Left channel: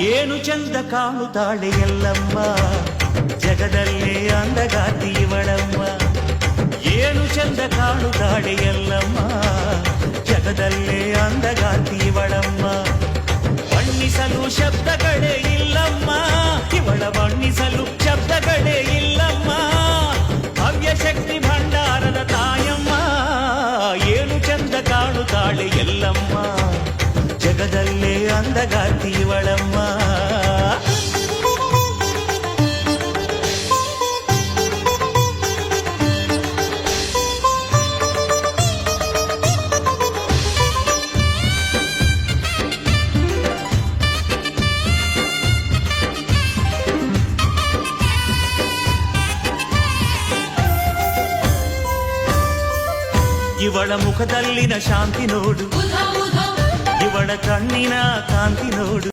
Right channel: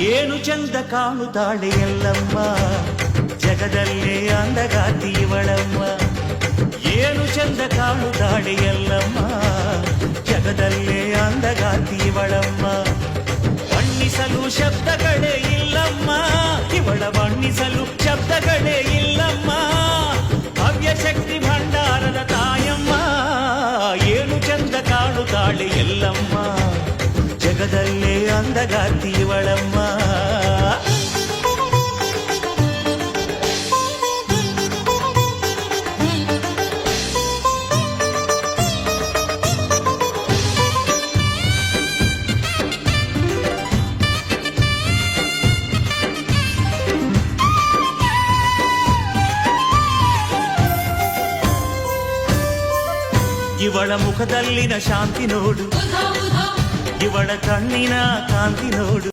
ಏನು ಚಂದ ಕಾಣುತ್ತಾಳೆ ಎಲ್ಲಮ್ಮ, ಜಗದಲ್ಲೇ ಅಂದಗಾತಿ ಇವಳಮ್ಮ. ಏನು ಚಂದ ಕಾಣುತ್ತಾಳೆ ಎಲ್ಲಮ್ಮ, ಜಗದಲ್ಲೇ ಅಂದಗಾತಿ ಇವಳಮ್ಮ. ಬಣ್ಣಿಸಲು ಶಬ್ದಗಳೇ ಇಲ್ಲಮ್ಮ, ಇವಳ ಬಣ್ಣಿಸಲು ಶಬ್ದಗಳೇ ಇಲ್ಲಮ್ಮ. ಭವ್ಯ ಶಕ್ತಿ ಭಂಡಾರದ ತಾಯಮ್ಮ, ಏನು ಚಂದ ಕಾಣುತ್ತಾಳೆ ಎಲ್ಲಮ್ಮ, ಜಗದಲ್ಲೇ ಅಂದಗಾತಿ ಇವಳಮ್ಮ. ಇವಳ ಮುಖದಲ್ಲಿನ ಶಾಂತಿ ನೋಡು, ಇವಳ ಕಣ್ಣಿನ ಕಾಂತಿ ನೋಡು.